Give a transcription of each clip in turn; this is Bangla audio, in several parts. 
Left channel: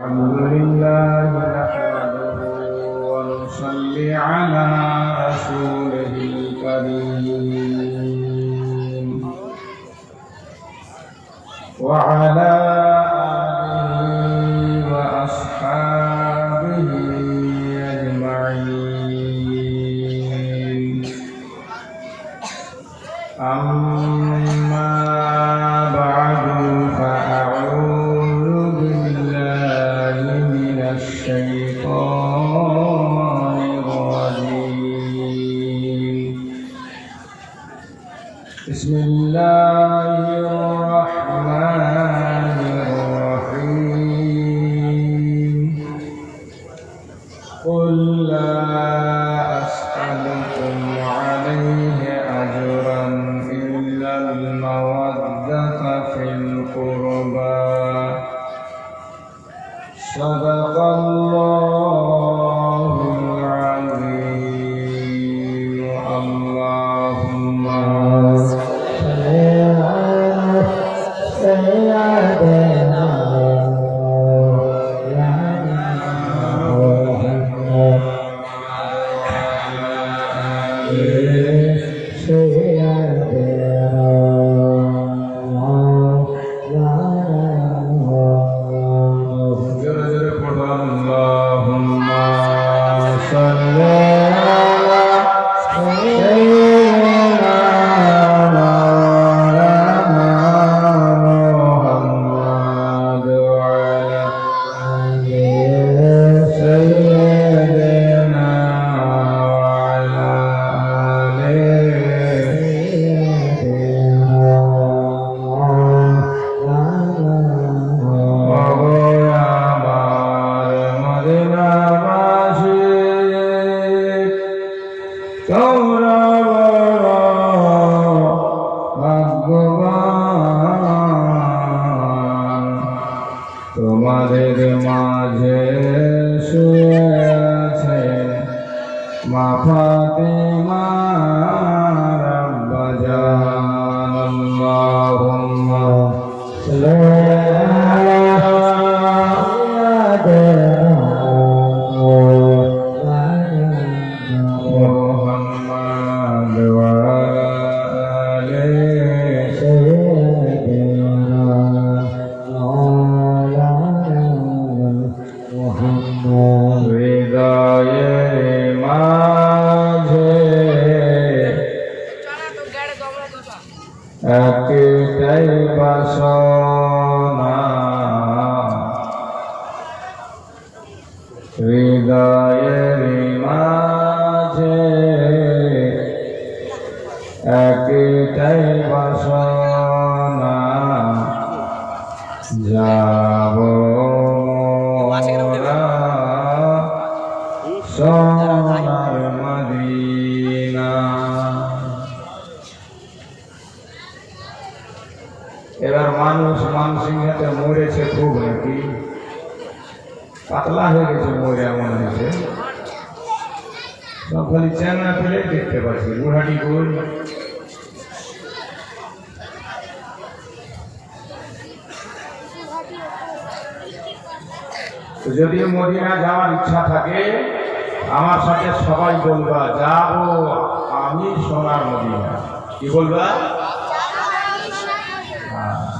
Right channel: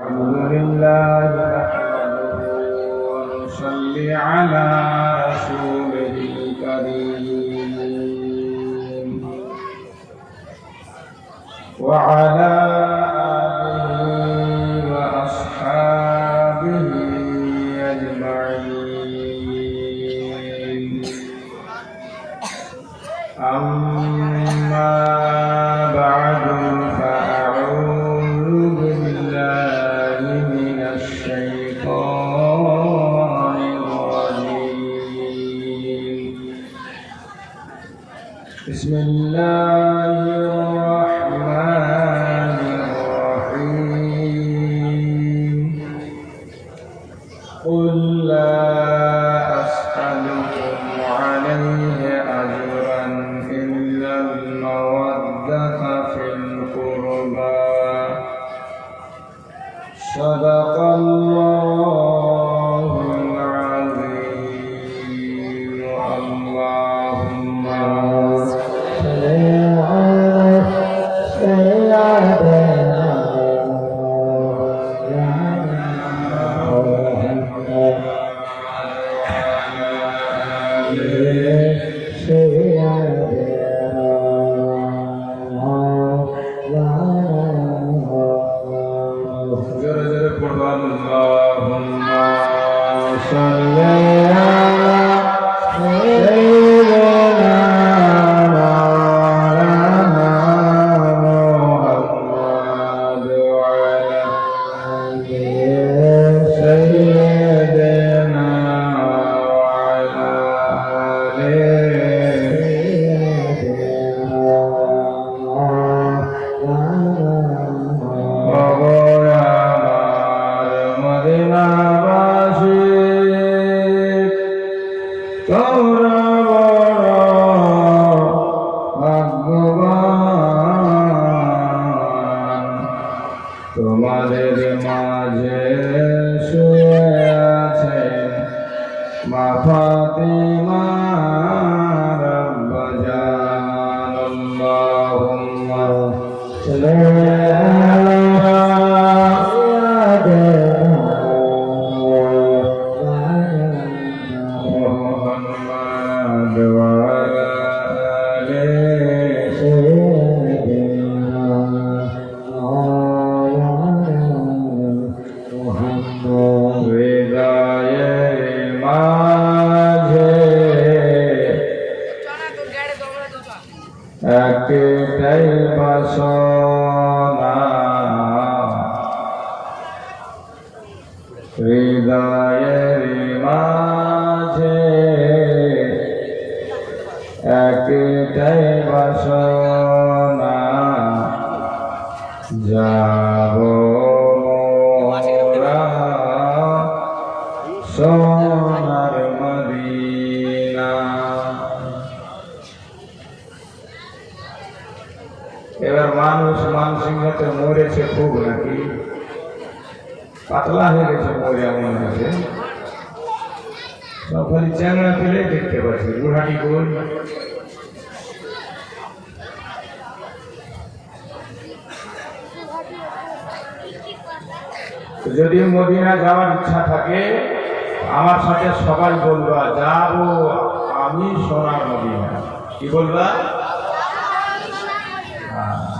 الحمد لله نحمده ونصلي على رسوله الكريم وعلى آله وأصحابه أجمعين. أما بعد فأعوذ بالله من الشيطان الرجيم. بسم الله الرحمن الرحيم. قل لا أسألكم عليه أجرا إلا المودة في القربى. صدق الله العظيم. اللهم صل على سيدنا তোমাদের মাঝে শুয়ে আছেন মা ফাতিমা রাব্বা জান। আল্লাহুম্মা সাল্লি আলা মুহাম্মাদ ওয়া আলা আলি একটাই বাসনা হৃদয়ের মাঝে, একটাই বাসনা যাব মোরা সোনার মদিনা। এবার মানুষ মানসিকতে মরেছে খুব নাকি পাতলা হয়ে গেছে, মরে এমন হয়েছে সব খালি চ্যাংড়া ফেলে দেখতে পাচ্ছি গুহাটি গোল। যদি মদিনা যাওয়ার ইচ্ছা থাকে আমার সাথে সবাই বলবা যাবো আমি সোনার মদিনা। কি বলবা?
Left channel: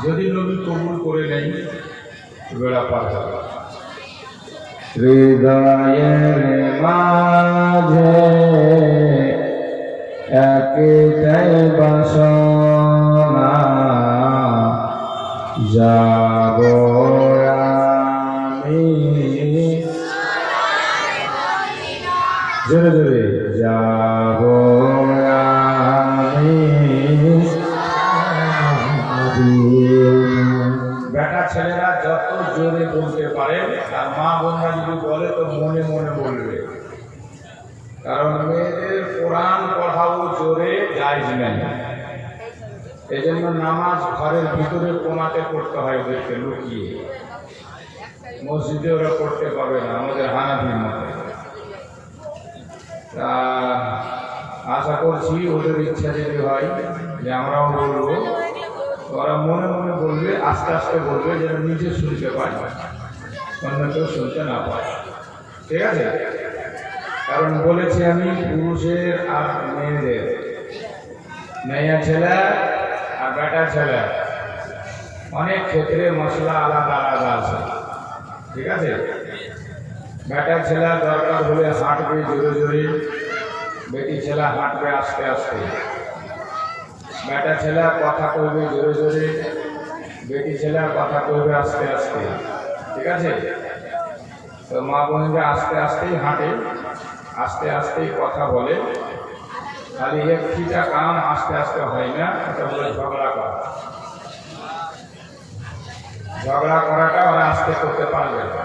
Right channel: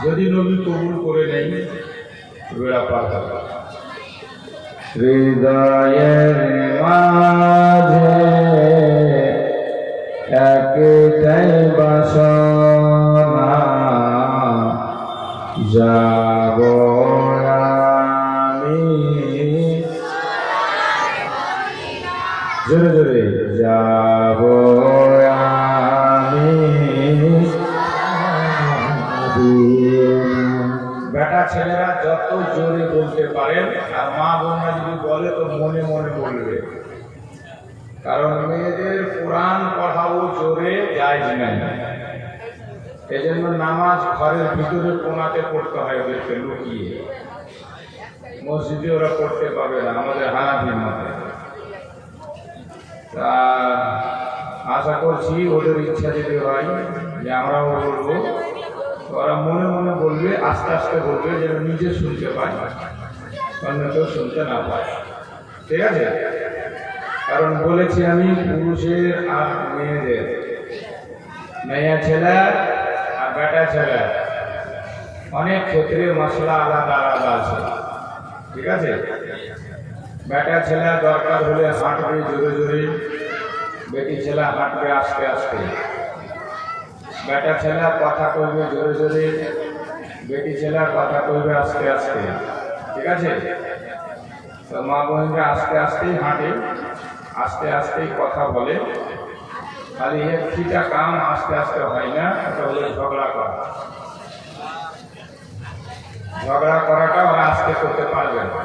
যদি নবী কবুল করে নেই বেড়া পার হবে। হৃদয়ের মাঝে একটাই বাসনা যাব আমি জোরে জোরে যাব আমি। বেটা ছেলেরা যত জোরে বলতে পারে আর মা বোনরা যদি বলে তো মনে মনে বলবে, কারণ মেয়েদের কোরআন পড়াও জোরে যায় না। এজন্য নামাজ ঘরের ভিতরে কোনাতে পড়তে হয়, ওদেরকে লুকিয়ে। মসজিদে ওরা পড়তে পাবে না আমাদের হানাফির মতে। তা আশা করছি ওদের ইচ্ছা যদি হয় যে আমরাও বলবো, ওরা মনে মনে বলবে, আস্তে আস্তে বলবে, যেন নিজে শুনতে পায়। অন্য কেউ শুনতে না পায়। ঠিক আছে? কারণ বলেছি আমি পুরুষের আর মেয়েদের, মেয়ে ছেলে আর বেটা ছেলে অনেক ক্ষেত্রে মশলা আলাদা আলাদা আছে। ঠিক আছে? বেটা ছেলে দরকার হলে হাঁটবে জোরে জোরে, বেটি ছেলে হাঁটবে আস্তে আস্তে। বেটা ছেলে কথা কইবে জোরে জোরে, বেটি ছেলে কথা কইবে আস্তে আস্তে। ঠিক আছে? তো মা বোনরা আস্তে আস্তেই হাঁটে, আস্তে আস্তেই কথা বলে। খালি একটিটা কাম আস্তে আস্তে হয় না, এটা হলো ঝগড়া করা। ঝগড়া করাটা ওরা আস্তে করতে পারবে না।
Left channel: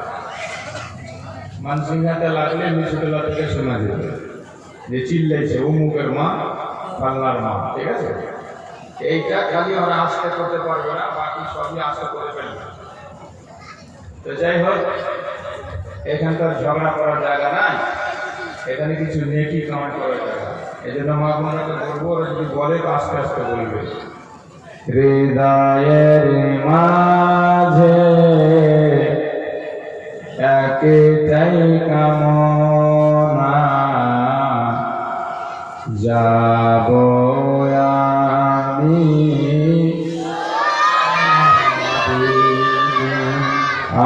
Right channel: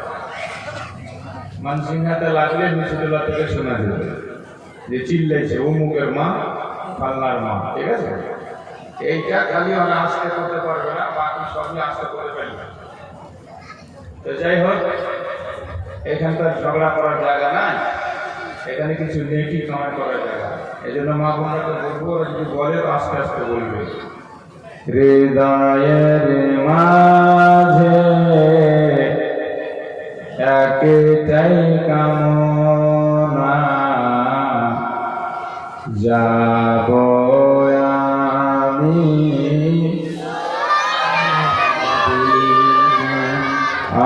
মানসিংহাতে লাগলে নিচুতলা থেকে শোনা যাবে যে চিল্লাইছে অমুকের মা, পাল্লার মা। ঠিক আছে? এইটা খালি ওরা আস্তে করতে পারবে না, বাকি সবই আস্তে করে ফেলবে। তো যাই হোক, এখানকার ঝগড়া করার জায়গা নাই, এখানে কিছু নেকি কামাই করার জায়গা। এই জন্য মা বোনকে বলবো, ওরা যদি বলে আস্তে আস্তে বলবে। হৃদয়ের মাঝে একটাই কামনা, যাব আমি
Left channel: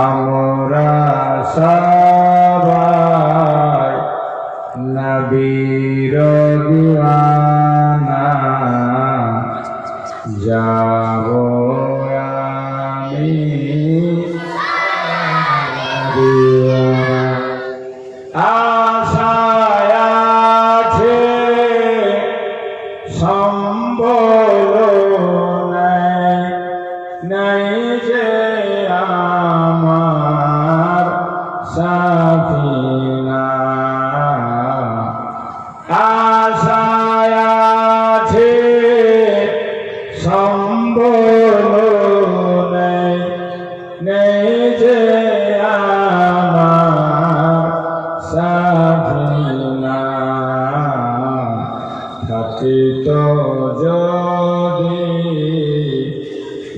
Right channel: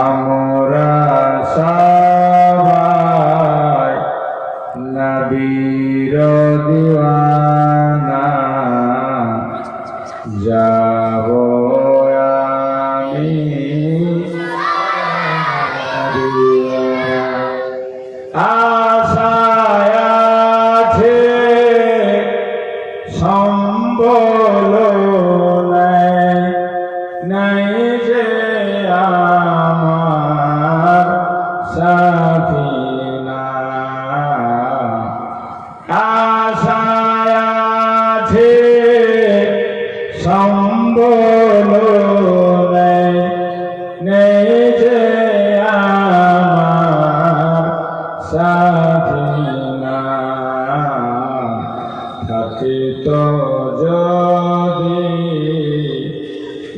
আমরা সবাই নবীর দিওয়ানা, যাব আমি আশায় আছে সম্বল নাই যে আমার সাফিনা, আশায় আছে সম্বল নেই যে আমার সাফিনা, থাকিত যদি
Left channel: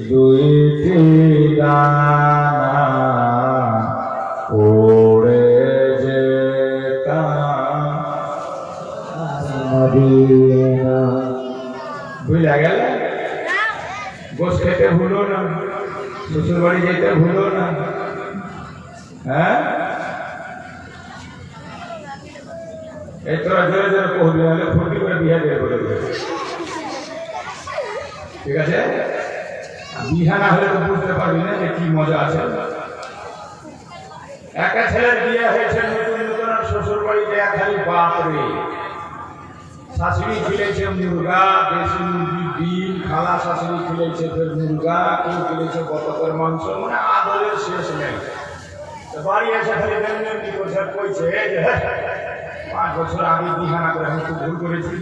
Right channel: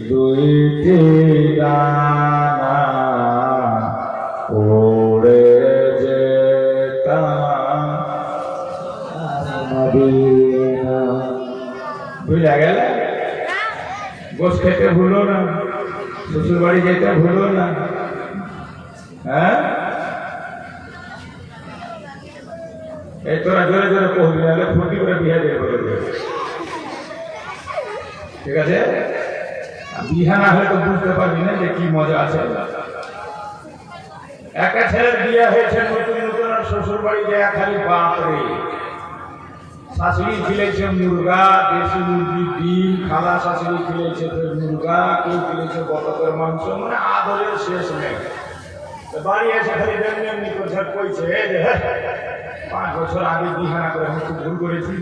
দুইটি ডানা, ওড়ে যেতাম মদিনা। বুঝা গেল? গোস খেতে ভুলো না, শ্বশুর বাড়ি যেতে ভুলো না। হ্যাঁ, এই তোরা জোরে জোরে পড়বি, হলে ফুটি করে বিয়ে দিয়ে বলবে। ঠিক আছে? বিহা না হলে তো বুঝতে পারবি না যে কি মজা আছে। একটা ছেলের বিয়ে হয়েছে নতুন নতুন, আর শ্বশুর বাড়িতে খালি বাপরে। শাশুড়ি খেলেছে মুরগা, দেশি মুরগি ডিম, খালা শাশুড়ি খেলেছে ফের মুরগা, কেউ খেলেছে বতকের মাংস, মানে আদরের শেষ নেই। বাড়ি এসে খালি এমনি করছে, কইছে যে 5 বছর আগে বিহা না করে আমি খুব ভুল করেছি।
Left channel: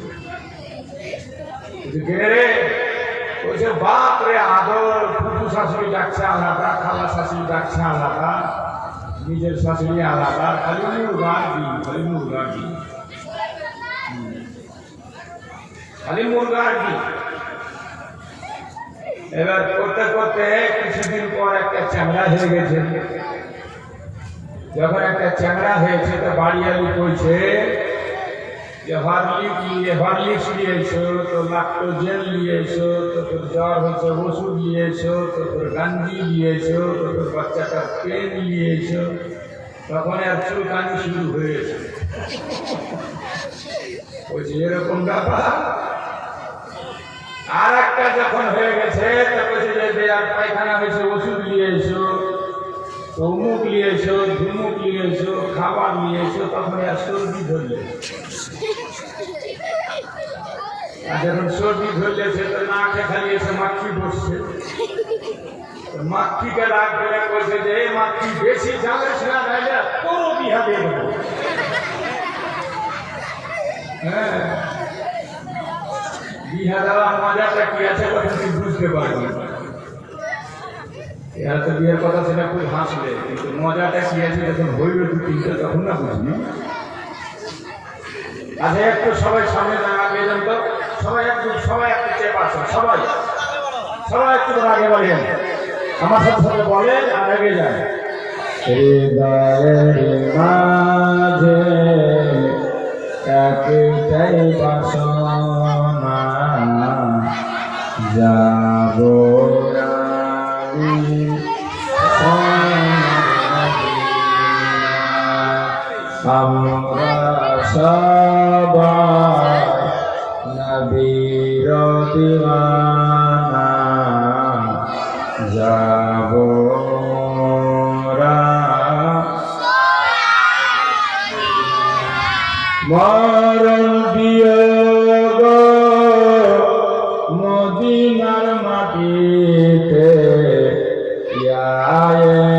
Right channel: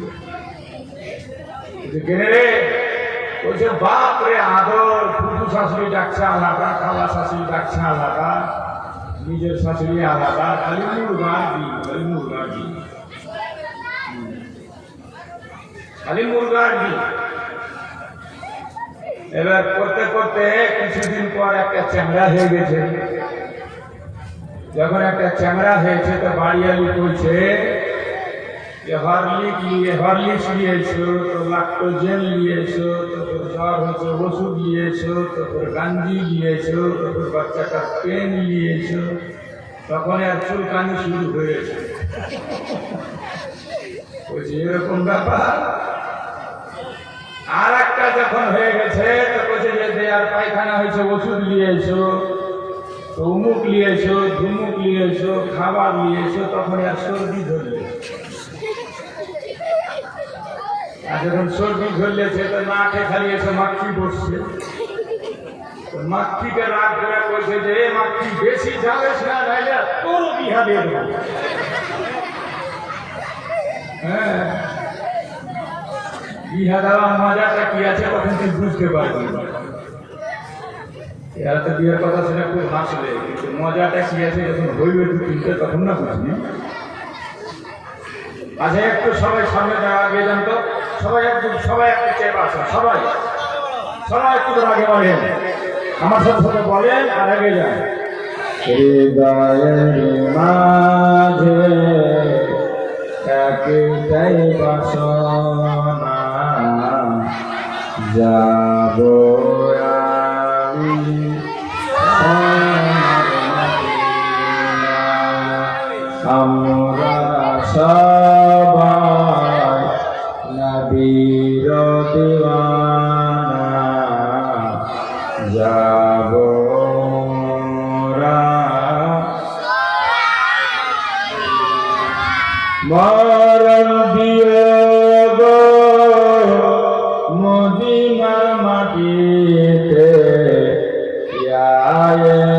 কেনে রে? কইছে বাপ রে, আদর ফুটু শাশুড়ি ডাকছে আলাদা, খালা শাশুড়ি ডাকছে আলাদা, নিজের শাশুড়ি আলাদা, খালি মুরগার ডিম, খালি মুরগার ডিম, খালি মুরগার ডিম। এবার করতে করতে কিছুদিন পর একটা চ্যাংড়া হয়ে গেছে। যখন একটা চ্যাংড়া হয়েছে, তা বাড়িয়ালি কইছে যে হরলিক্স নিয়েছো, তো ল্যাক্টোজেন নিয়েছো, তো তোর জ্বর হচ্ছে ওষুধ নিয়েছো, তো তোর গাঞ্জি নিয়েছো, তো তোর বাচ্চাটার পেন নিয়েছো। তখন আর চুলকানি শুরু হয়েছে। বলছি এরকম ব্যাপার। আর একটা যখন হয়ে গেছে, তো বলছে যে আর পায়খানা হয়েছে, ওষুধ নিয়েছো, তো উমুক নিয়েছো, ধুমুক নিয়েছো, খাবার নিয়েছো, তখন আর সর্দি ধরলে। আর যখন সর্দি ধরলে, সে তো না খেয়ে খালি এসে মাখি বসছে। মাখিকে রাগ করে বলছে যে মাখি বেশি যাবেস না, নাইলে তোরও বিহা দিয়ে দেবো। হ্যাঁ, বিহা দেওয়া মজাটা কি আছে তখন তুই বুঝতে পারবি। এর তো বিয়ের কথা সেটা খুব হাসলে, কিন্তু মজাটা কি আছে যখন হইবে 2-3টে তখন না বুঝবি। আচ্ছা, একটু সবাই সামনে আগে যান তো, সবাই একটু চেপে আসো, সবাই একটু আগে বাড়েন, আমার সাথে বলেন আর আগে যান। হৃদয়ের মাঝে একটাই বাসনা, যাব আমি আমরা সবাই নবীর দিওয়ানা, যাব মরণ বিয়োগ মদিনার মাটিতে, ইয়া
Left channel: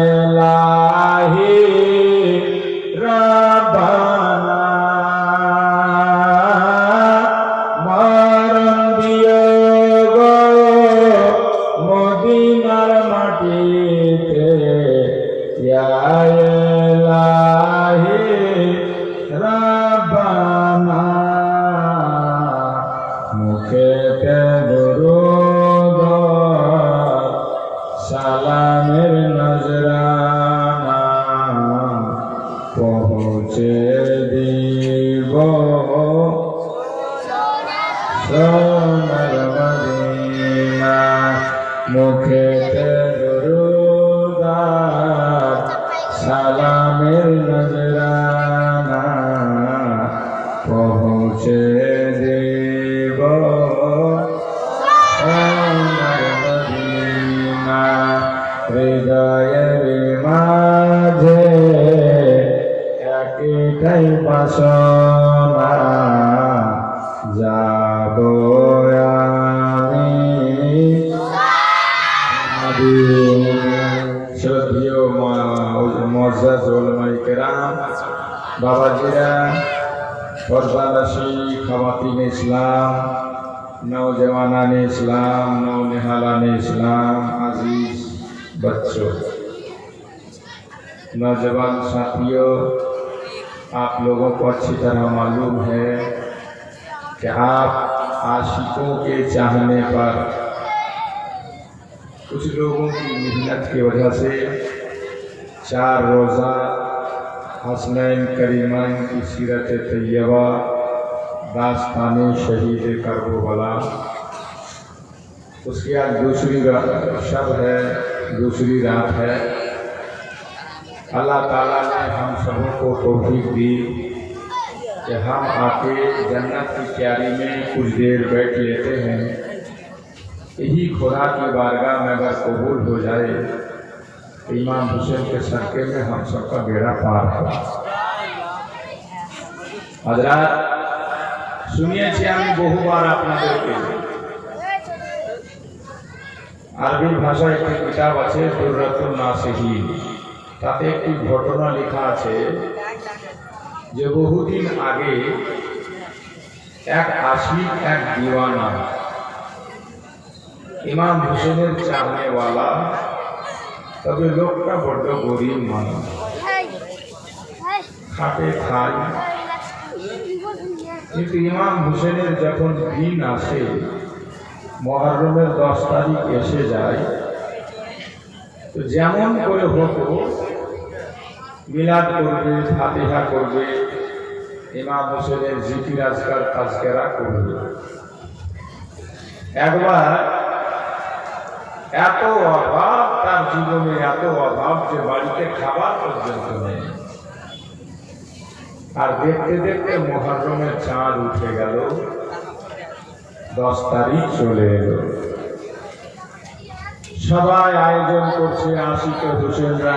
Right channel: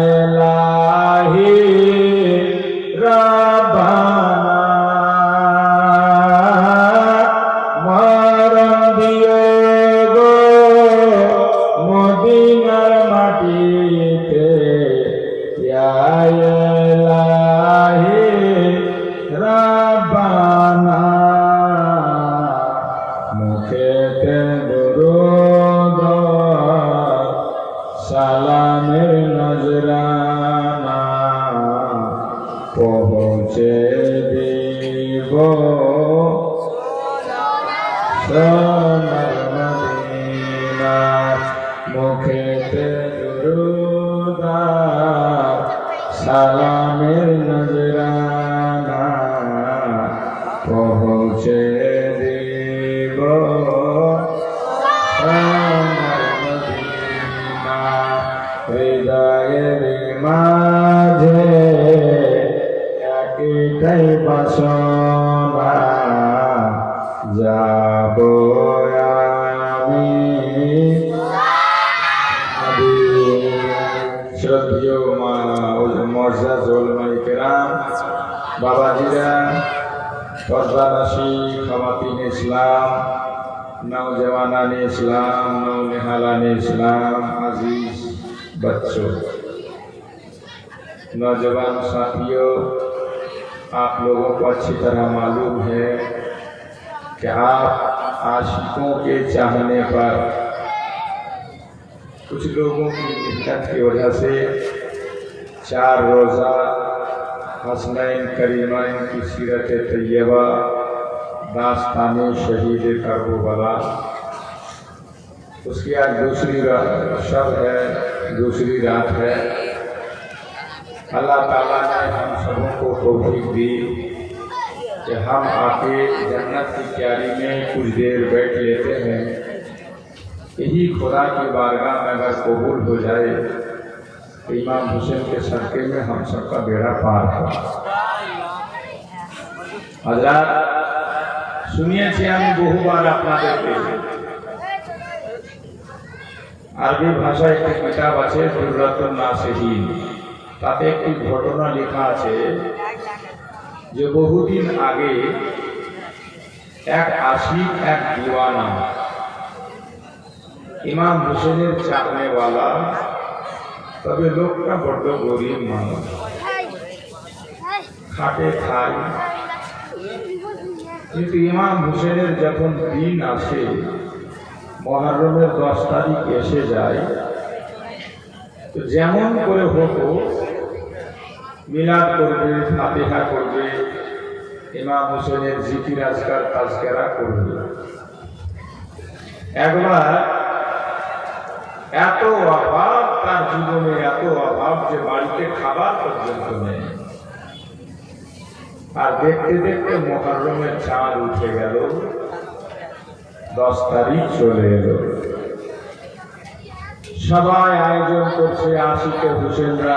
ইলাহি রাব্বানা। মরণ বিয়োগ মদিনার মাটিতে, ইয়া ইলাহি রাব্বানা। মুখেতে দুরূদ সালামের নজরানা, পৌঁছে দিব সোনার মদিনা। মুখেতে দুরূদ সালামের নজরানা, পৌঁছে দিব সোনার মদিনা। হৃদয়ের মাঝে একটাই বাসনা, যাব আমি শ্রদ্ধেয় মুআজ্জাজ উলামায়ে কেরাম, বাবাজিরা, পর্দানশী খাওয়াতিন ইসলাম, नौजवानान इस्लाम, नौनिहालान इस्लाम, अजीज बच्चों, नौजवान साथियों, आप लोगों को अच्छी तरह मालूम है कि आप आशिकों के चाहने पर कुछ लोगों की मेहनत की वजह से 4 रोज़ा हसनैन करीमैन की सीरत तैयबा, दास्ताने शहीद करबला, उसकी आज दूसरी शब है, दूसरी रात है। अल्लाह ताला ने हम सबको तौफीक दी कि हम आके जन्नत की क्यारी में कुछ देर बैठ लेते हैं। यही खुदा की बारगाह में अगर कबूल हो जाए तो इमाम हुसैन के सदक़े में हम सबका बेड़ा पार हो। हज़रात, শুনিয়েছি আমি বহুবার আপনাদেরকে, আরবি ভাষায় একটি কিতাব আছে দুররাতুন নাসিহিন, তাতে একটি ঘটনা লেখা আছে যে বহুদিন আগে এক আশিক, এক দিওয়ানা, ইমাম হুসেনের চাহনেওয়ালা, তবে লোকটা বড্ড গরিব মানুষ, খাটে খায়। কিন্তু ইমাম হুসেনের যখন দিন আসে, মুহররমের 10 তারিখ এসে যায়, তো যেমন করে হতো মিলাদ করবে, ফাতিহা করবে, ইমাম হুসেনের জিকির আজকার তাজকেরা করবে। একবার এত অভাব, তার জীবনে এত অভাব যে বাড়িতে খাবার পর্যন্ত নেই। আর দেখতে দেখতে মুহররমের চাঁদ উঠে গেল, 10 তারিখ চলে এলো। সবাই আয়োজন করছে, আশিকে হুসেনরা,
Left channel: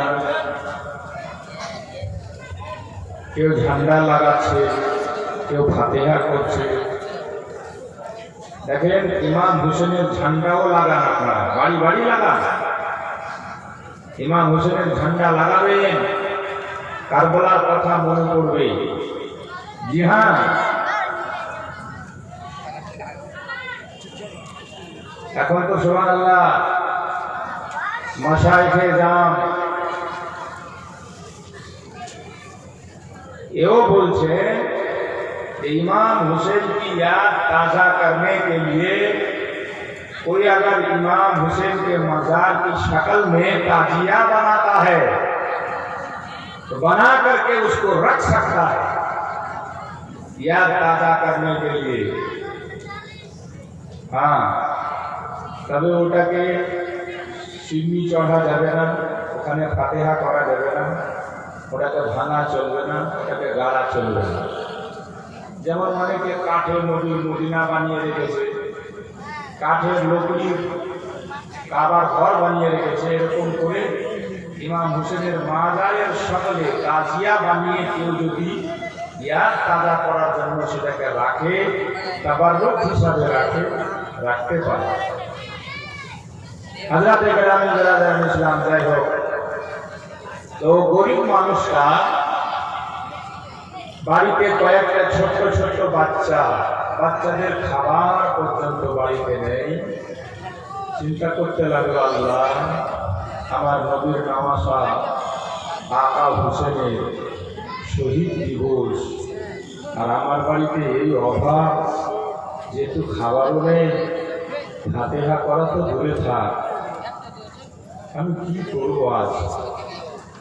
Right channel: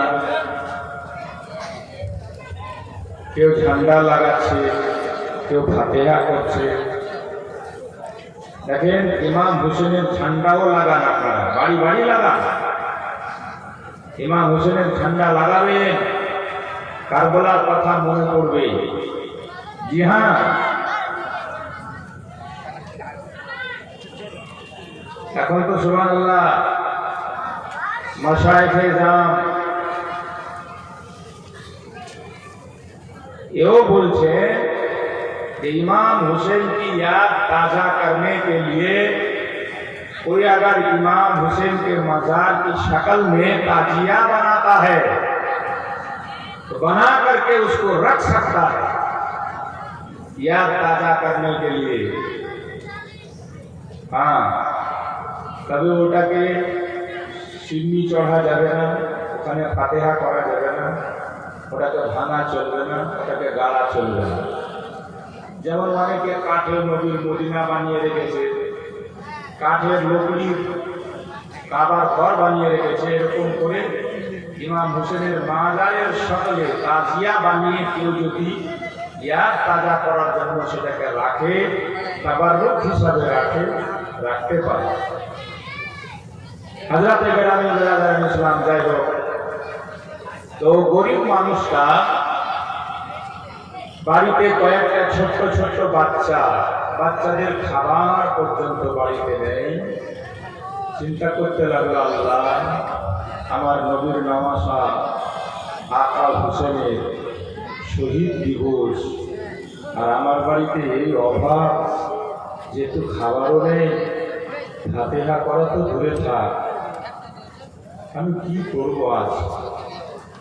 কেউ ঝান্ডা লাগাচ্ছে, কেউ ফাতিহা করছে। দেখেন, ইমাম হুসেনের ঝান্ডাও লাগান, আপনারা বাড়ি বাড়ি লাগান। ইমাম হুসেনের ঝান্ডা লাগাবেন, কারবালার কথা মনে পড়বে। জি হ্যাঁ, এখন তো সুবহানাল্লাহ मशाइखे जाम यो बोलते कि इमाम हुसैन की याद ताज़ा करने के लिए कोई अगर इमाम हुसैन के मज़ार की शक्ल में ताजिया बनाता है तो बना करके उसको रख सकता है याद ताजा करने के लिए। हाँ, তবে ওটাকে চিমনি চড়া যাবে না, ওখানে ফাতেহা করা যাবে না, ওটাকে ভাঙা চলবে না, ওটাকে গাড়া চলবে না। যেমন অনেকে কাঠের মদিনা বানিয়ে রেখেছে, কাঠের লকড়ি কাবার ঘর বানিয়ে রেখেছে, এরকম করে ইমাম হোসেনের মাজারের সকলে তাজিয়া বানিয়ে কেউ যদি ইয়াদ তাজা করার জন্য সেটাকে রাখে, তাবাররুক হিসাবে রাখতে পারে। হযরত গ্রামে বেরাদার ইসলাম যাই হোক, তো গরিব মানুষটা বাড়িতে কয়েকটা ছোট্ট ছোট্ট বাচ্চাদের খাবার পর্যন্ত বাড়িতে নেই। চিন্তা করতে লাগলো, আল্লাহ, আমার নবীর নামাসা আকা হোসেনের শহীদ দিবস, আর আমার বাড়িতে এই অভাব, যেহেতু খাবারও নেই, ফাতিহা করা তো দূরে থাক, আমি কি করবো আজ?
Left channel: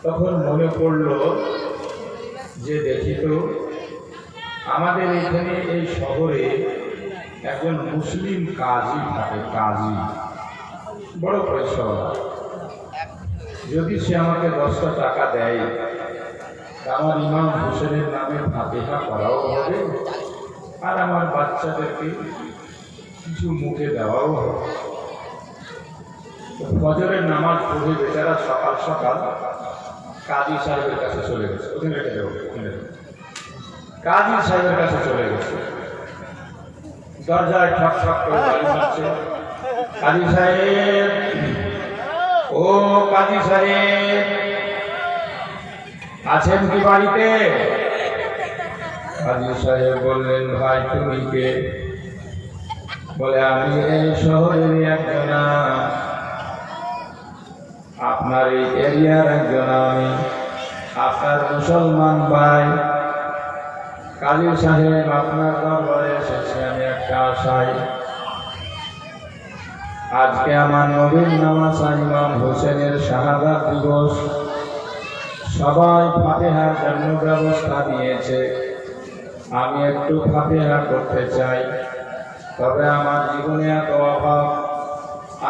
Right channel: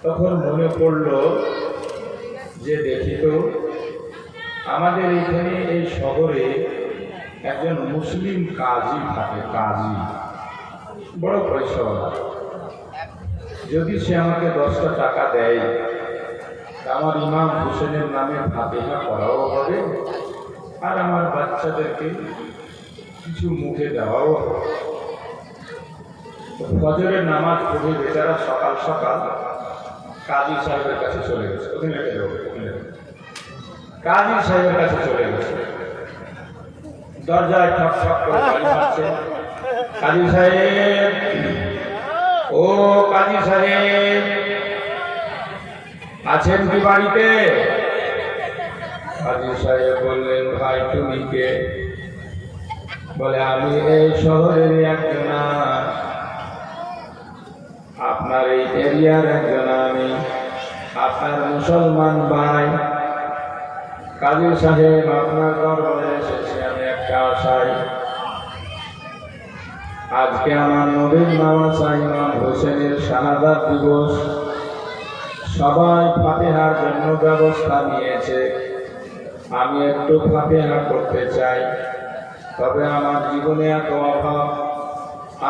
তখন মনে পড়লো যে দেখি তো আমাদের এখানে এই শহরে একজন মুসলিম কাজী থাকে, কাজী বড় পয়সা, যদি সে আমাকে 10টা টাকা দেয়, আমার ইমাম হোসেনের নামে ফাতিহা করাও হবে, আর আমার বাচ্চাদেরকে কিছু মুখে দেওয়াও হবে। ফজরের নামাজ পড়ে বেচারা সকাল সকাল কাজী সাহেবের কাছে চলে গেছে, ওখানে রেখে দেবো, কাজী সাহেবের কাছে চলে গেছে, দরজায় ঠক ঠক করে বাড়ি মারছে। কাজী সাহেব, ও কাজী সাহেব, আছেন কি বাড়িতে? কাজী সাহেব বললেন, ভাই তুমি কে? বলে, আমি এই শহরের একজন, আপনার এই এরিয়ার একজন, আমি আপনার মুসলমান ভাই। কাজী সাহেব, আপনার দরবারে এসেছি আমি একটা আশায়, আজকে আমার নবীর নামাসা ইমাম হোসেনের শাহাদাত দিবস, সবাই ফাতিহার জন্য ব্যবস্থা নিয়েছে, আমি একটু ফাতিহা করতে চাই, তবে আমার জীবনে এত অভাব,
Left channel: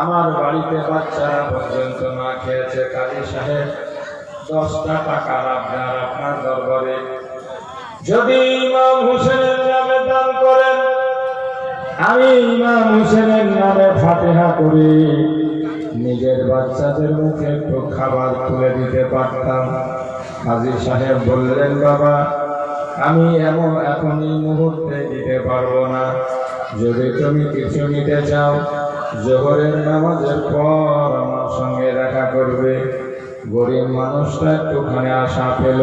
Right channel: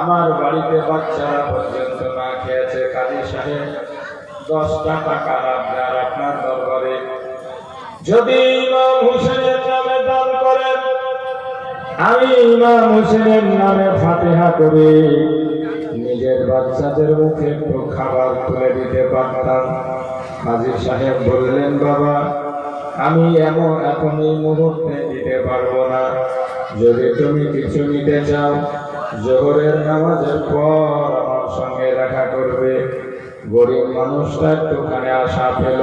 আমার বাড়িতে বাচ্চারা পর্যন্ত না খেয়েছে। কাজী সাহেব, 10টা টাকা আপনার দরবারে যদি ইমাম হোসেনের নামে দান করেন, আমি ইমাম হোসেনের নামে ফাতিহা করে নিজের বাচ্চাদের মুখে একটু খাবার তুলে দিতে পারতাম। কাজী সাহেব বললেন, বাবা, আমি এখন এই মুহূর্তে দিতে পারবো না, যদি তুমি কিছু নিতে চাও জোহরের নামাজের পর আমার সঙ্গে দেখা করবে। গরিব মানুষটা একটুখানে আশা পেল,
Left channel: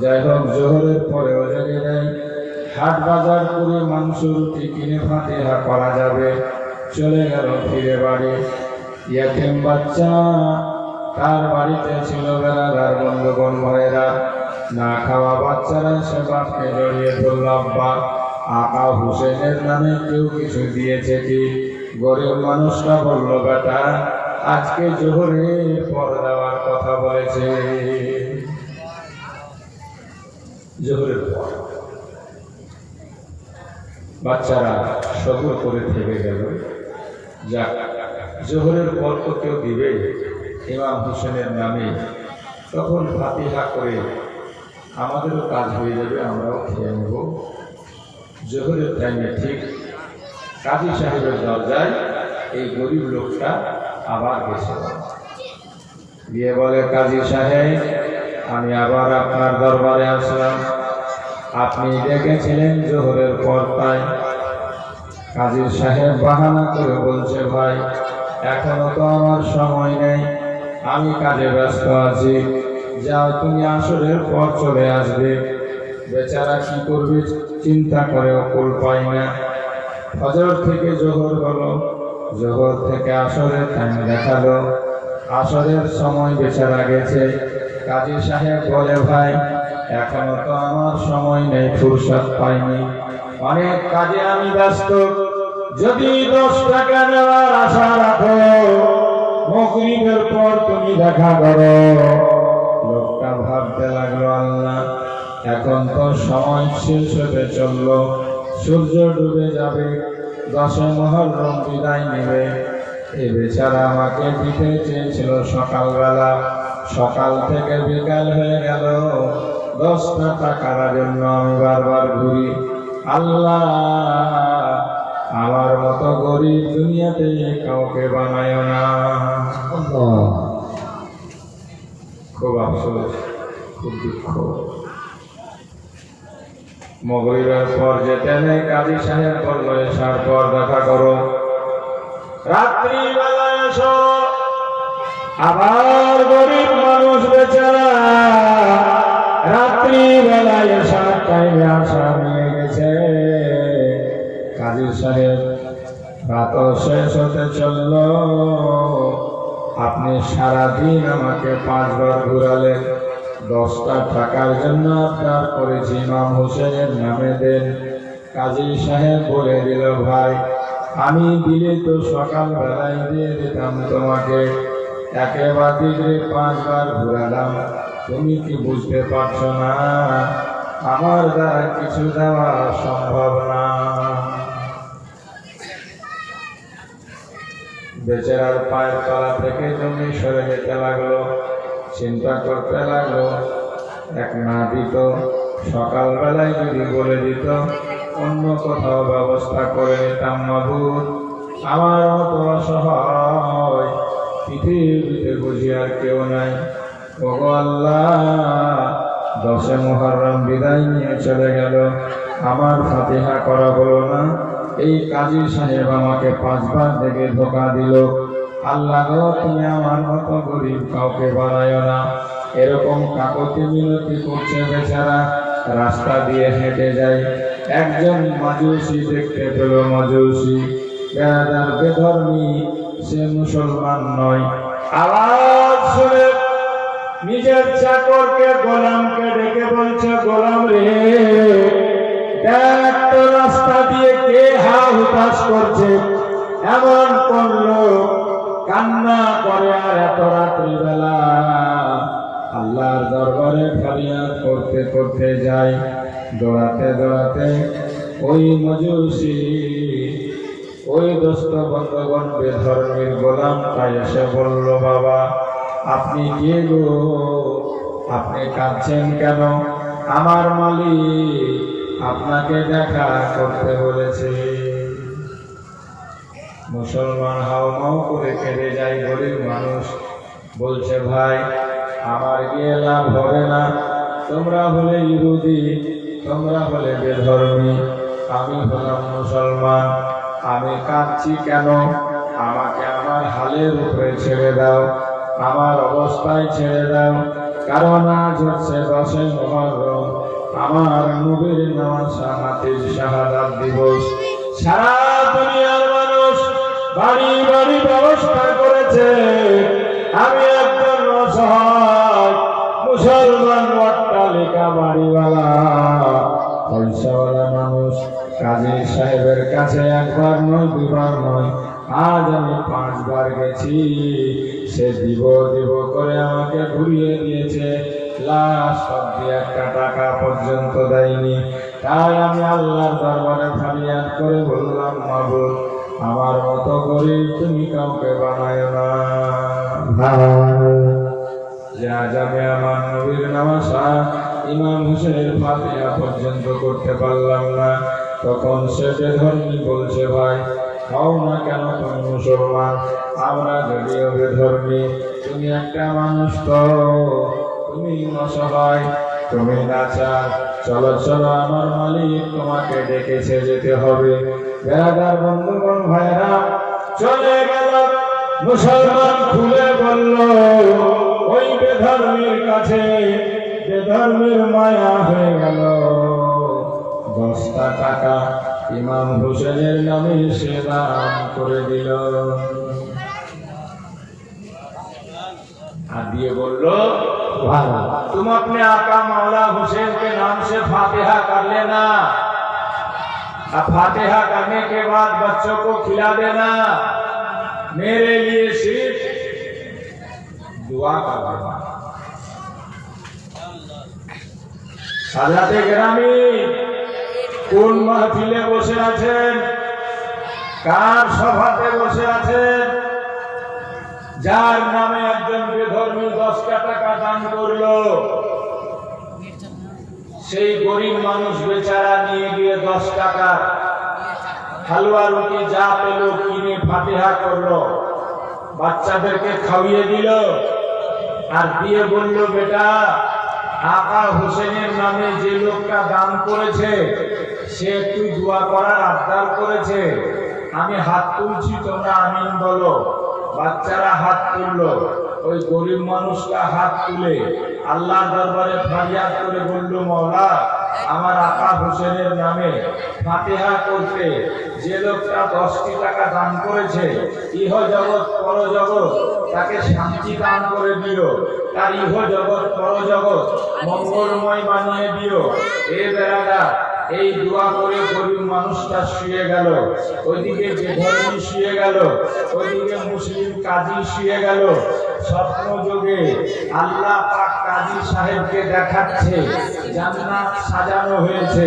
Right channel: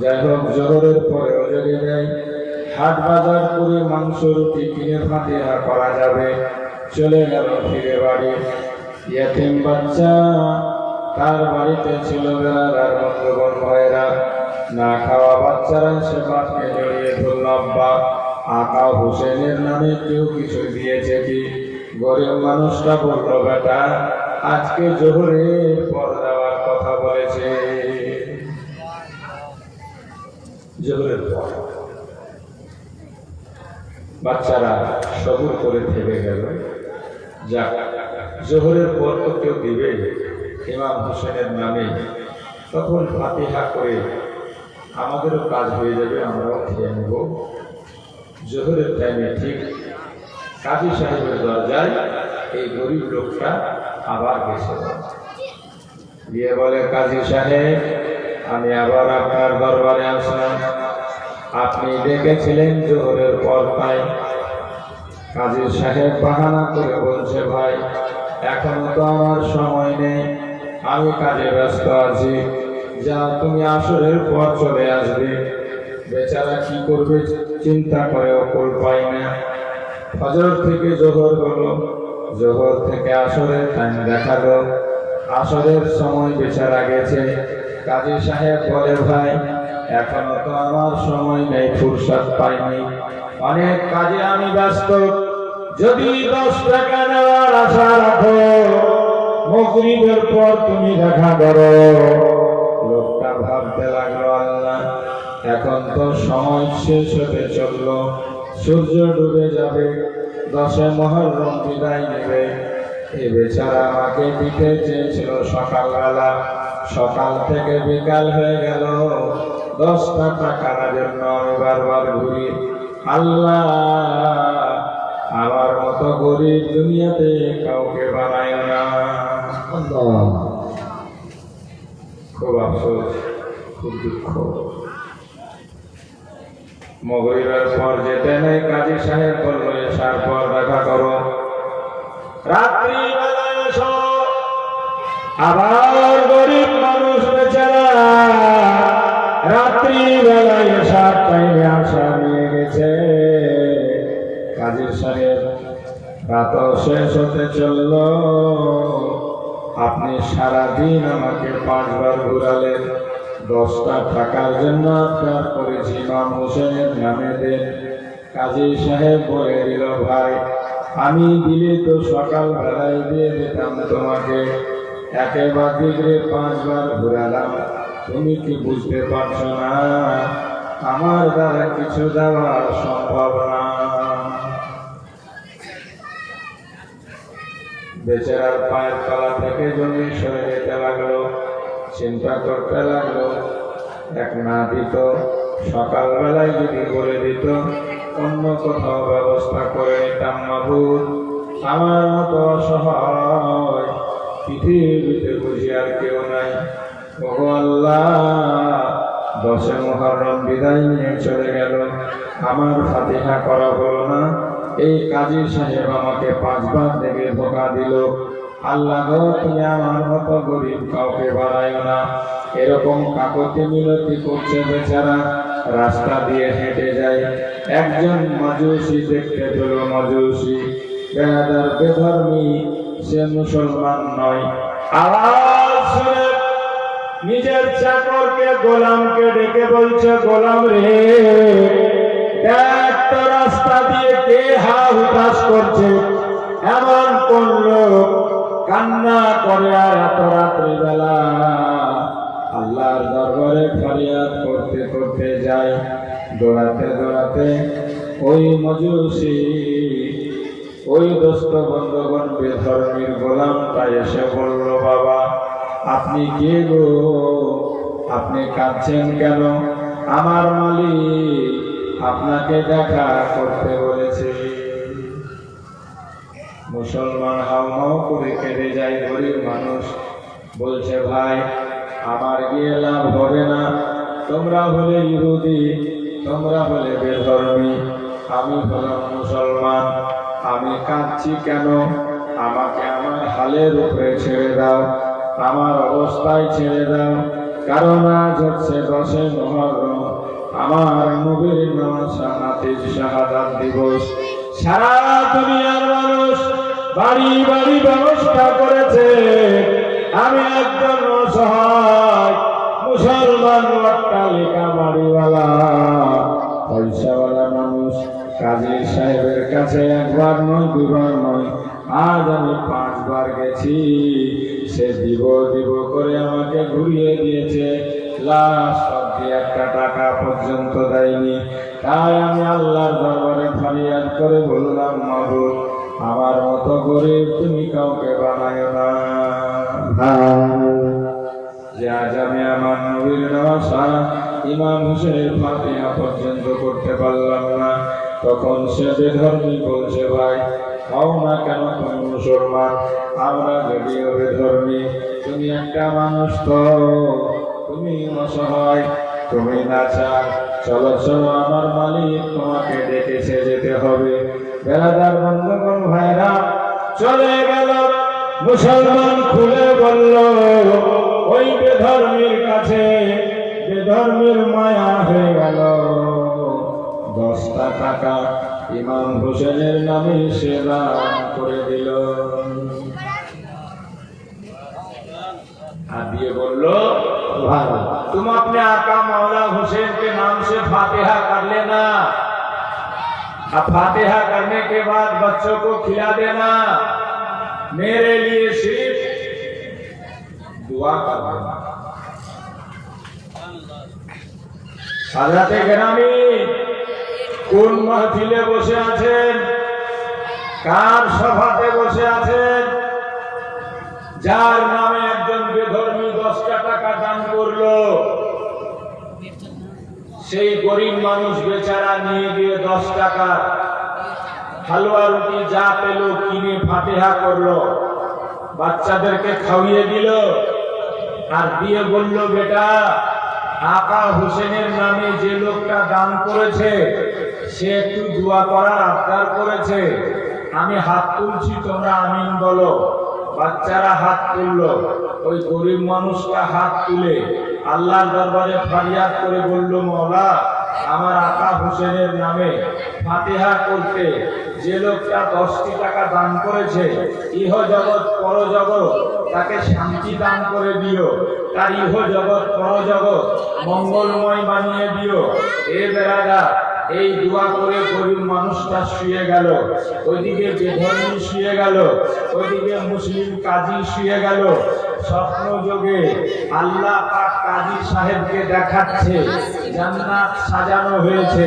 যাই হোক জোহরের পরেও যদি নেই, হাট বাজার করে মাংস রুটি কিনে ফাতিহা করা যাবে। চলে গেল ফিরে বাড়ি। ইয়াতিম বাচ্চা, তার বাড়িতে ছিল বেলাদার বন্ধুগণ ভাইয়েরা, না খাওয়া বাচ্চারা সে বাপকে জড়িয়ে ধরল, আব্বা, আকা হোসেনের নামে কেউ কিছু দিয়েছে কি? গরিব মানুষরা বলল, বেটা, আজকে জোহরের পর দেওয়ার কথা বলেছে, জোহরের পর। বাচ্চারা সবুর করে থেকে গেল, যাক, জোহরের পর তো কেউ দিবে ইমাম হোসেনের নামে, তখন ফাতিহা করে আমাদেরও কাজ হয়ে যাবে, আমরাও খেয়ে নেব। জোহরের টাইমে ঠিক কাজী সাহেবের দরজায় এই গরিব লোকটা আবার গেছে, গিয়ে বলে, কাজী সাহেব, আমি আবার আপনার দরবারে আসলাম, আপনি ডেকেছিলেন জোহরের পর তাই। কাজী সাহেব বাহানা করে বলছে, ভাই, এখনো তো আমার সময় নেই, আমি কাজে ব্যস্ত আছি, যাও তুমি আসরের পর চলে আসবে। বেচারা কি করবে চিন্তা করে অকুল পাই না। ফজর থেকে জোহর হলো, জোহর থেকে আসরের টাইম দেখালো, আসরের সময় বেচারা গেছে। কাজী সাহেব বলে, ভাই, এখনো তো আমার সময় নেই, ফুরসত পাইনি, অনেক কাজে আমি ব্যস্ত, যদি 10 টাকা নেওয়ার আশা রাখো, মাগরিবের পর তুমি দেখা করো। লোকটা ভাবছে ভাবতে লাগলো, আল্লাহ এখন তো সময় শেষ হতে চলল, সূর্য ডুবে যাবে, 10 মুহররম বিদায় নেবে। এই বেচারা আমাকে দিতে চেয়েছিল সকালবেলা, সকাল থেকে বিকাল হয়ে গেল, 10টা টাকার জন্য আমি বারবার ঘুরি। আল্লাহ আমার মতো গরিব দুনিয়াতে কাউকে বানায় না। খুব আফসোস, খুব দুঃখ। মগরিবের পর যেতে নেই, কাজী সাহেব বলল এসার পর দেখা করো। রাত্রিবেলা এসো, আবার গরিব মানুষ বেচারা রাত্রিবেলা এসার টাইমে আশা নিয়ে গেছে। কাজী সাহেব রাত শেষ হতে চলল, আপনি সারাদিন আমাকে 5 বার ঘুরালেন, 10টা টাকার জন্য আপনার করেছি ইমাম হোসেনের নামে দেন। কাজী সাহেব বলে দিল, ভাই আমি দিলে তো সকালবেলায় দিয়ে দিতাম তোমাকে, একেবারে 5 বার ঘুরালাম, তুমি কি বুঝতে পারছো না আমার দ্বারা কিছু দেওয়া সম্ভব না? বেচারার পায়ের তলা থেকে জমি সরে যেতে লাগলো, চিন্তা করতে লাগলো, এক না দিত, সকালবেলায় যদি বলে দিত অন্য কোথাও ব্যবস্থা করে নিতাম। মাবুদ আমার মতো অসহায় পৃথিবীতে বুঝি আর কেউ নাই। ওগো আল্লাহ 10 মুহররম বিদায় নিয়ে চলে গেল, আমার ফাতিহা করা হলো না। এই কাজী সাহেব আমাকে 5 বার দেখে ধোকা দিল। আল্লাহ গো তুমি আমার মতো গরিব কাউকে বানায় না। এরকম কাকতি মিনতি করছে বেচারা, রাস্তা দিয়ে হেঁটে যায়, একজন মাজুসি দেখতে পেল। মাজুসি বেড়াদার বেধর্মী, সে মুসলমান নয়। আওয়াজ শুনে নিজের চাকরকে গোলামকে ডেকে বলছে, গোলাম রে একটা রাস্তা দিয়ে কে হা হুতাশ করছে, এমন কোন লোক কান্না করে আর এত রাত্রিবেলা আল্লাহর দরবারে ফরিয়াদ করতে করতে যায়। দৌড়াতে দৌড়াতে ওই মজুসি, ওই দোস্ত বন্ধগণ বেধর্মীর গোলামটা এসে বলল, বাবা আপনি কে গো, আপনি কাঁদছেন কেন? আমার মালিক আপনাকে দেখা করতে বলেছে। মুসলমান হাউমাউ করে কেঁদে যায় গরিব মানুষ, বলছে ভাই আমার গিয়ে লাভ হবে না, তোমরা হলে ইহুদি, তোমরা হলে বেধর্মী, আমি হলাম মুসলমান, আমি কাঁদছি কেন? আমাকে আমার হালের উপরে ছেড়ে দাও, আমার অবস্থায় ছেড়ে দাও, কারণ আজ হচ্ছে 10 মুহররম, আমার নবীর নওয়াসা নাতির শাহাদাত দিবস। সারা দুনিয়ার মানুষ বাড়ি বাড়ি ব্যবস্থা করেছে, আমি একজন অসহায় মুসলমান অট্টালিকা বাড়িওয়ালা পয়সাওয়ালা মানুষ কাজী সাহেবের কাছে একবার নয় দুবার নয়, আজ আমি 5 বার গেছি। সে দিব দিব করে আমাকে ঘুরিয়ে দিয়েছে, লাস্ট অব্দি 1 টাকা পর্যন্ত দেয়নি। তাই আমি আল্লাহর দরবারে ফরিয়াদ করে বললাম, মাবুদ আমার মতো গরিব তুমি কাউকে বানায় না। যে আজ আমি আমার নবীর নওয়াসা ইমাম হোসেনের ফাতিহা পর্যন্ত করতে পারলাম না, তখন সে বেধর্মী বলছে, ভাই হও না কেন তুমি মুসলমান, আমরা যদিও বেধর্মী, তুমি একটা মানুষ তো, তুমি অসহায়, তুমি নাচার, চলো চলো আমার মালিক তোমাকে ডেকেছে, যেতে হবে। বেড়াদার বন্ধুগণ ভাইরা চলে গেল। মুসলমান খুলে বলল ওই বেধর্মীর কাছে, বেধর্মীর মায়া হয়ে গেল। 10টা টাকা ইমাম হোসেনের নামে সে দান করে দিল। আর দিয়ে বলল, तुम अपने आका मौला हुसैन के नाम से फातिहा कर लेना, अब फातिहा करने के बाद बच्चों को खिला देना, मेरे लिए सिर्फ दुआ कर देना। সাজাতে গ্রামে কোন মাহফিলে বসে আছেন, কার সভাতে বসে আছেন? যার নামে একজন বেধর্মী 10টা টাকা দান করলো, সেই গরিব মানুষ বেচারা নিয়ে গিয়ে 10 টাকা হালুয়া রুটি যা পেল কিনে ফাতিহা করলো, বাচ্চাদেরকে খাওয়িয়ে দিল, আর দিয়ে বলল, বেটা আকা হোসেনের নামে যে লোকটা দান করেছে সে একটু দোয়া করার আবদার করেছে, আমি হাত তুলছি, তোমরা আমিন বলো। বাচ্চারা হাত তুললো, ওই গরিব মানুষটা হাত তুলে আল্লাহর দরবারে ফরিয়াদ করে বলল, মওলা আমার আকা হোসেনের নামে ফাতিহা করতে যে লোকটা 10টি টাকা দান করেছে, ইহ জগৎ পর জগৎ তাকে শান্তি দান করে দিও, তার ইহ জগৎ পর জগৎ মঙ্গলময় বানিয়ে দিও। এ বেরাদা এই দোয়া করে গরিব মানুষটা শুয়ে গেল, ওইদিকে বেধর্মী শুয়ে গেল, ওইদিকে মুসলিম কাজী শুয়ে গেল। স্বপ্ন যোগে আল্লাহ পাক কাজী সাহেবকে দেখাচ্ছে জান্নাত সাজানো হয়েছে,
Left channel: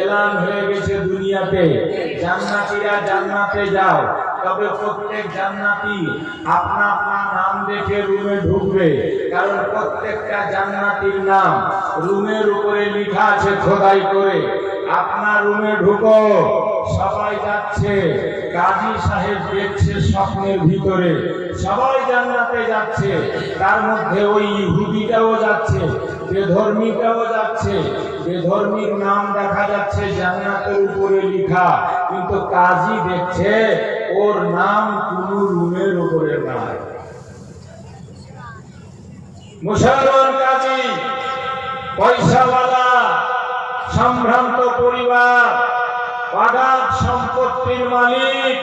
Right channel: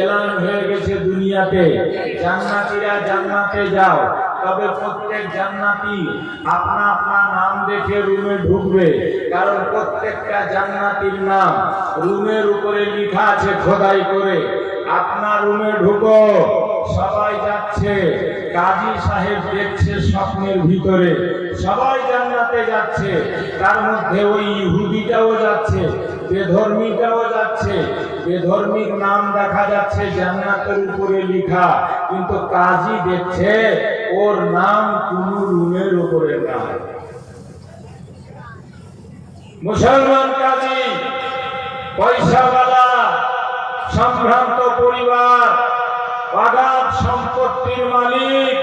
এলান হয়ে গেছে দুনিয়াতে, জান্নাতীরা জান্নাতে যাও। তবে প্রত্যেক জান্নাতি আপনা আপনা নাম দেখে রুমে ঢুকবে, কারণ প্রত্যেকটা জান্নাতীর নাম রুমের উপরে লেখা আছে খোদাই করে। আপনার রুমে ঢুকো, সবাই যাচ্ছে, কাজী সাহেব দেখছে স্বপ্নের ভিতরে সবাই জান্নাতে যাচ্ছে, তার মধ্যে ওই ইহুদিটাও যাচ্ছে, বেধর্মীটাও যাচ্ছে। বেধর্মীর নাম দেখা যাচ্ছে জান্নাতের উপরে লেখা, কিন্তু কাজী দেখছে ওর নাম কোন রুমের উপরে নাই। মুসলমান কাজী, পয়সাওয়ালা, সম্ভ্রান্ত পরিবার, বাগান সম্পত্তির মালিক,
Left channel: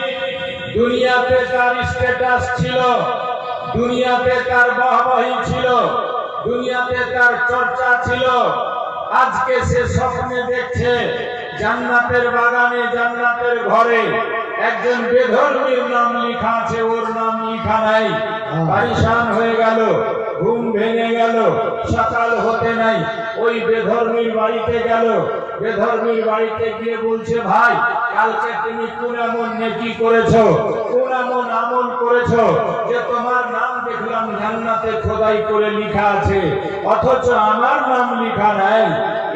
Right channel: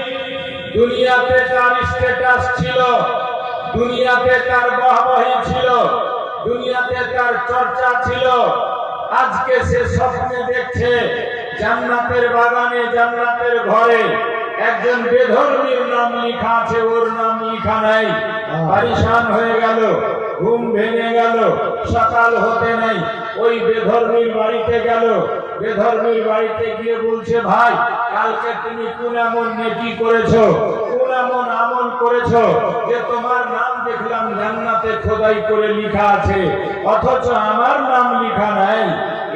দুনিয়াতে তার স্ট্যাটাস ছিল, দুনিয়াতে তার বাহবাহি ছিল, দুনিয়াতে তার চর্চা ছিল। আজকে সে স্বপ্নে দেখছে জান্নাতের বাগানে, জান্নাতের ঘরে একজন বেধর্মীর নাম লেখা আছে, ওর নাম লেখা নাই। পরেশান হয়ে গেল, ঘুম ভেঙে গেল, সকাল হতে নাই, ওই বেধর্মীর বাড়িতে গেল। বেধর্মীর বাড়িতে গিয়ে বলছে, ভাই কালকে তুমি কোন এমন নেকি করেছো, কোন এমন আমল করেছো যে তোমার নাম দেখলাম জান্নাতে খোদাই করে লেখা আছে, অথচ আমার নাম লেখা নাই?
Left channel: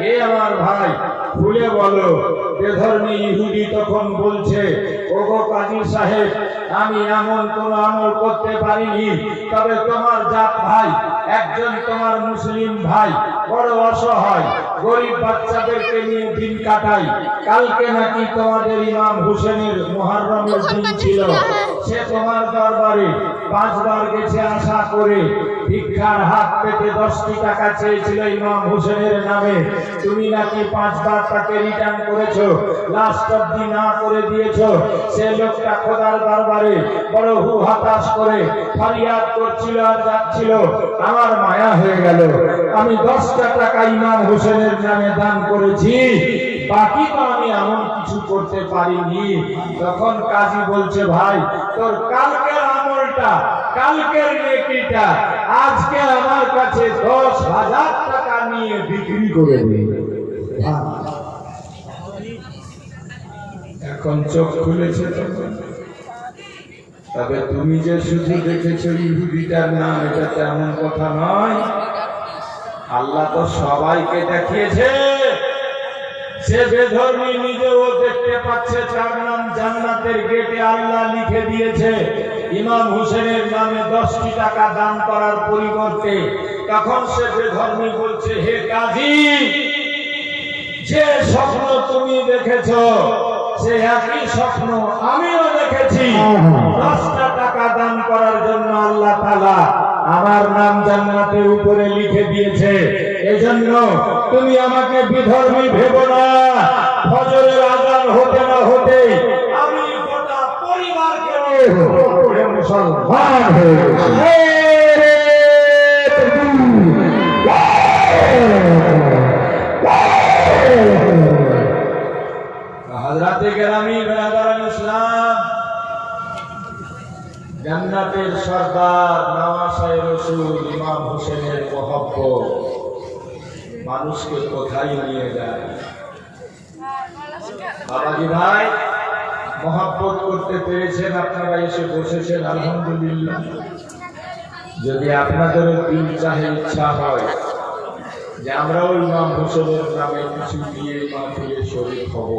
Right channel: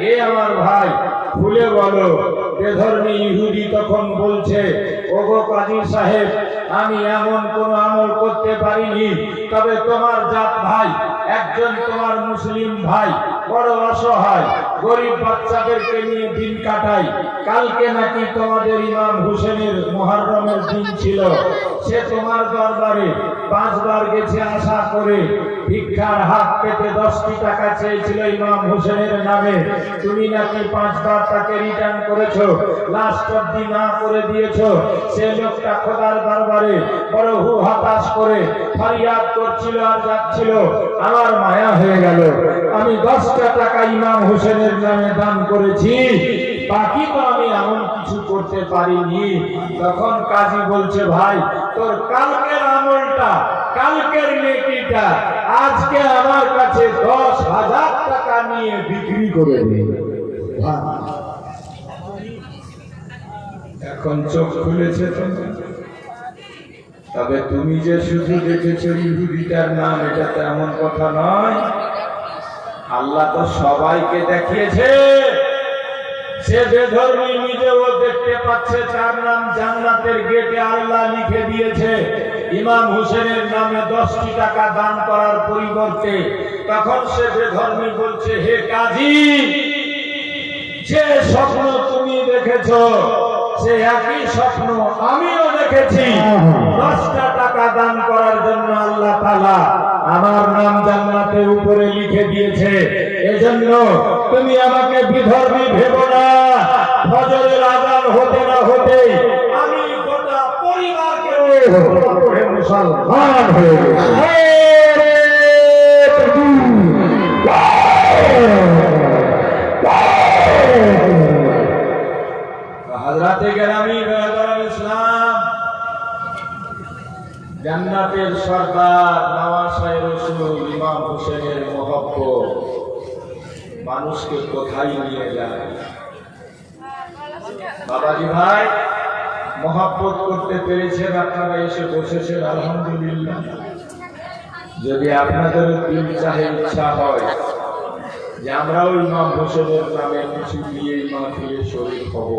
এ আমার ভাই খুলে বলো। বেধর্মী ইহুদি তখন বলছে, ওগো কাজী সাহেব, আমি এমন কোন আমল করতে পারিনি, তবে তোমার জাত ভাই একজন, তোমার মুসলিম ভাই বড় অসহায়, গরিব বাচ্চাদেরকে নিয়ে দিন কাটাই। কালকে নাকি তোমাদের ইমাম হোসেনের মুহররমের দিন ছিল, সে তোমার দরবারে 5 বার গেছে আশা করে, ভিক্ষার হাত পেতে 10টি টাকা চেয়েছিল ইমাম হোসেনের নামে, তুমি নাকি 5 বার তাকে রিটার্ন করেছো, লাস্ট অবধি না করে দিয়েছো। সে লোকটা খোদার দরবারে বড় হু হতাশ করে ফরিয়াদ করছিল আর যাচ্ছিল, আমার মায়া হয়ে গেল, আমি 10টা টাকা ইমাম হোসেনের নামে দান করেছি, বাকি তো আমি এমন কিছু করতে পারিনি। তখন কাজী বলছে, ভাই তোর কালকের আমলটা, কালকের নেকিটা আজকে আমার কাছে 10,000 টাকা নিয়ে বিক্রি করে দিন। এখন চোখ খুলেছে তোমার। তবে তুমি যে শুধু দেখেছো ইহুদিটার নাম, এটা তেমন কথা নয়। আল্লাহ তো সবাইকে দেখিয়েছে। সে বেধর্মী নিজেও দেখতে পাচ্ছে, তার নাম জান্নাতের গেটে আল্লাহ লিখে দিয়েছে। ইমাম হোসেনের নামে 10টি টাকা দান করার পরিবর্তে তখন সে বেধর্মী বলছে, হে কাজী, যে স্বপ্ন তুমি দেখেছো সে একই স্বপ্ন আমিও দেখেছি। 10টা টাকা দান করার জন্য আল্লাহ তাআলা আমার নাম জান্নাতের উপরে লিখে দিয়েছে। এজন্য তুমি আমাকে বিধর্মী ভেবো না। ফজরের আযান হতে না হতে আমি গোটা পরিবারকে নিয়ে মুসলমান হয়ে গেছি। হযরতে গ্রামী বেরাদার ইসলাম, জান্নাতের সরদার নওয়াসায়ে রাসূল ইমাম হোসেনের মহব্বত মানুষকে কোথায় নিয়ে যায়। বাবাজি ভাই, মহব্বত করতে পেরেছেন, আপনারা এসে বসেছেন, আলহামদুলিল্লাহ। যদি আপনাদের দিল চাহে, ইচ্ছা হয় যে আমরাও ইমাম হোসেনের নামে কিছু দিয়ে মাহফিলে শরীক হব,